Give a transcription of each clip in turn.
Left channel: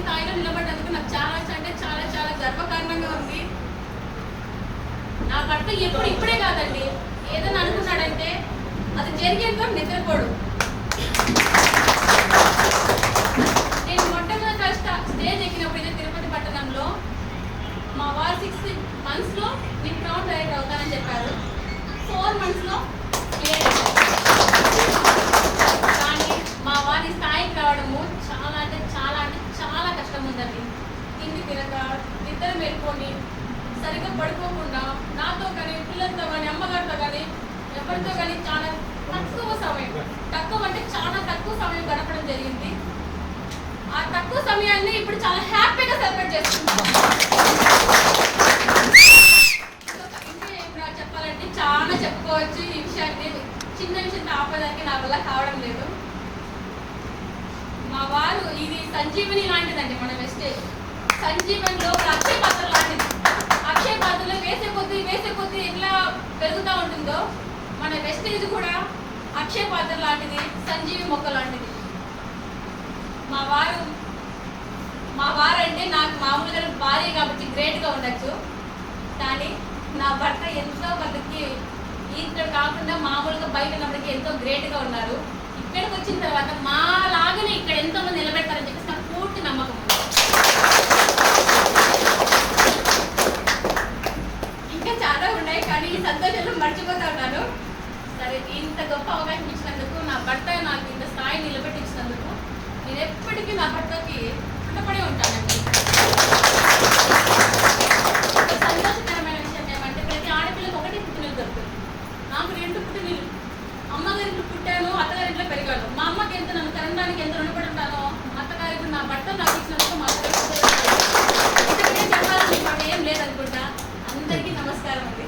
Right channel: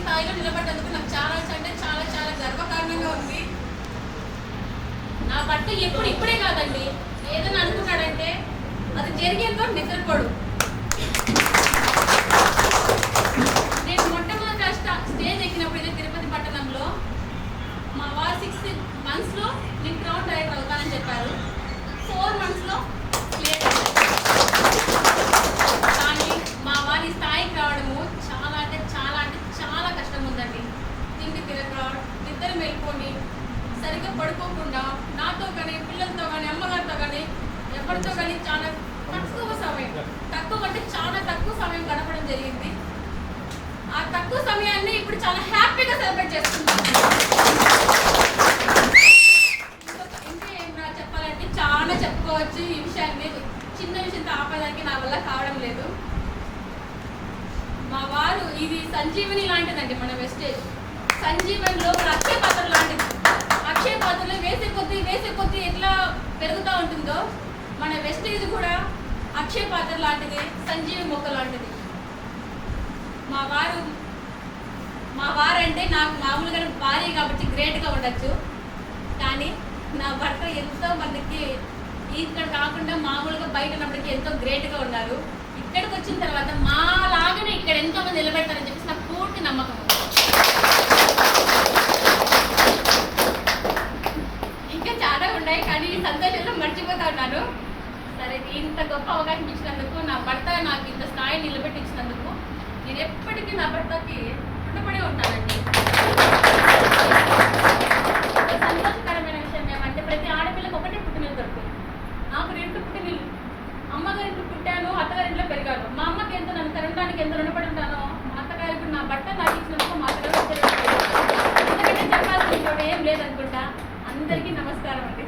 స్థాయిలో నిలబడ్డందుకు నాకు చాలా అంటే చాలా చాలా గర్వకారణంగా ఉంది. నా భర్త ఇప్పుడే కాదండి, ఏదైనా అనుకున్నాడంటే అది జరిగేందుకు నిద్రపోడు. నేను మొట్టమొదట స్టేజ్ ఎక్కినప్పుడు ఇదే తిరుపతి పట్టణంలో మా వారు 6 monthsలో నేను క్రౌన్ డైరెక్టర్ అవుతానని చెప్పారు. 4 monthsలో క్లియర్ అయ్యారు. కానీ మా వారి స్థాయికి రావడము చాలా అంటే చాలా కష్టం ఉందండి. తిండి తినక, నిద్ర మేల్కొని, సరిగ్గా పడుకోకుండా, నాతో కానీ, పిల్లలతో కానీ, అమ్మగారితో కానీ, ఎవరితో కానీ చాలా తక్కువ అంటే చాలా తక్కువ సమయం గడపడం జరిగింది. ఆ తక్కువ సమయాన్ని ఇప్పుడు చాలా హ్యాపీగా సెలబ్రేట్ చేస్తున్నాను. ఇంకా చెప్పాలంటే చాలా చెప్పుకోవచ్చు. ఈ విషయాన్ని చిన్న విషయంతో ఆపడానికి నా వల్ల కావడం లేదు. మా వారు ఇది సంజీవని లాంటిదండి. మన వెస్టేజ్ సంజీవనిలో అక్షయ పాత్ర లాంటిది. అక్షయ పాత్రలో వేసే కొద్దీ ఎట్లా పెరుగుతూ ఉంటుందో మన వెస్టేజ్ కూడా అక్షయ పాత్ర లాంటిది, సంజీవి మొక్క లాంటిది. మా వారు అంటే నాకు మామూలుగా భార్య కాబట్టి గ్రేట్గా ఉండొచ్చు. కానీ నా భర్త ఎంతో మందికి ఇక్కడ కాకుండా మామూలుగా బయట ఉన్నప్పటికీ ఎంతో గ్రేట్గా ఉన్నారు. ఇక్కడికి వచ్చిన తర్వాత మాలాగానే ఇక్కడ ఎంతో మంది నిలబెడతారని చెప్పేసి నాకు పూర్తి నమ్మకం ఉంది. ఇంకా చాలా ఉన్నాయి కానీ ఈ సంతోషంలో మర్చిపోతా ఉన్నాను. సరే, ఇంత గొప్ప అవకాశం ఇచ్చినందుకు, నా భర్త నాకు ఇంత స్థాయి నిలబెట్టించినందుకు నేను ఎప్పటికీ నా భర్తకి రుణపడి ఉంటానండి. సంతోషకరమైన విషయం ఏమంటే ప్రతి ఆడపిల్లకి ఒకటే పుట్టినీళ్ళు దొరుకుతుంది. నాకు 2 పుట్టినీళ్ళు. అమ్మగారింట్లో పుట్టాను, అత్తగారింట్లో పెరిగాను. మా అమ్మకి ఎంత నన్ను తినడానికి ఎంత రుణపడి ఉంటానో, అత్తగారింట్లో నా భర్త నాకు ఇచ్చినందుకు మా అత్తగారు చెప్పాలని ఇంకోటి ఏం లేదనుకుంటా. అందరికీ నమస్కారం అండి.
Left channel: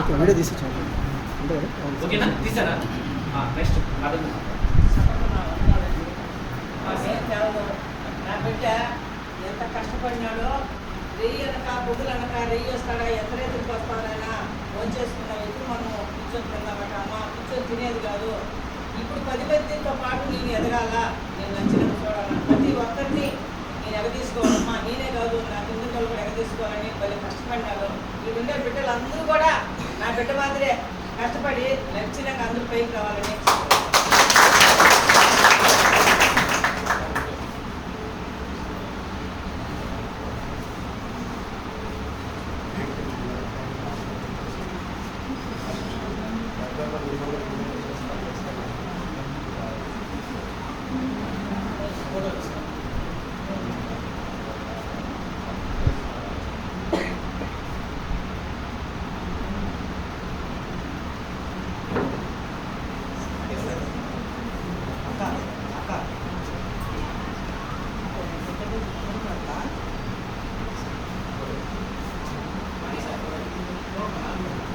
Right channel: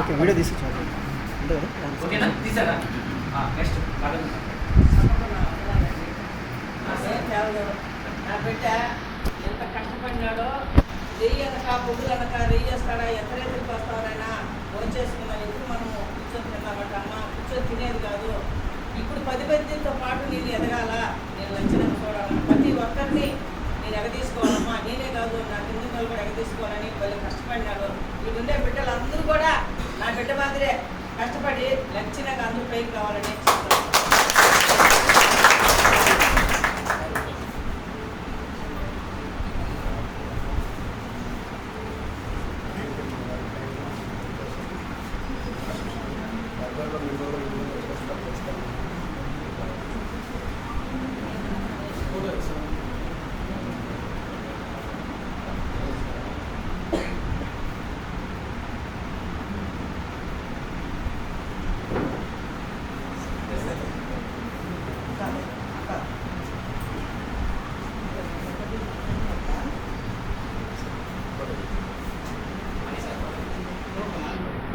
ఓకే, వీడియో తీసి ఓకేనా తీసారా? నెక్స్ట్ నా బిడ్డ ఎంత కష్టపడినాడో, రెయ్యి అనక పొద్దులు అనక రెయ్యేస్తాడా, ఎంత రైతులకు వస్తారైనా వచ్చేసుకున్నా. ఎప్పుడు మనం కూర్చొని తిన్నామంటే అమ్మ కూర్చొని తినేది కాదు. ఇప్పుడు 10 మందితో పాటు నేను ఎదగాల, నేను నచ్చినంత చూడాలని ప్రతి ఒక్కరిని నేను ఎగదీసుకోవాలమ్మా. నేనే కాదు, నా కింద కూడా ఎగదీసుకోవాలని వాళ్ళు కష్టపడినాడు. వీడుండే బిడ్డలు అందరూ కూడా నా బిడ్డ మాదిరే కష్టపడి నచ్చినాక అందరూ పైకి రావాలని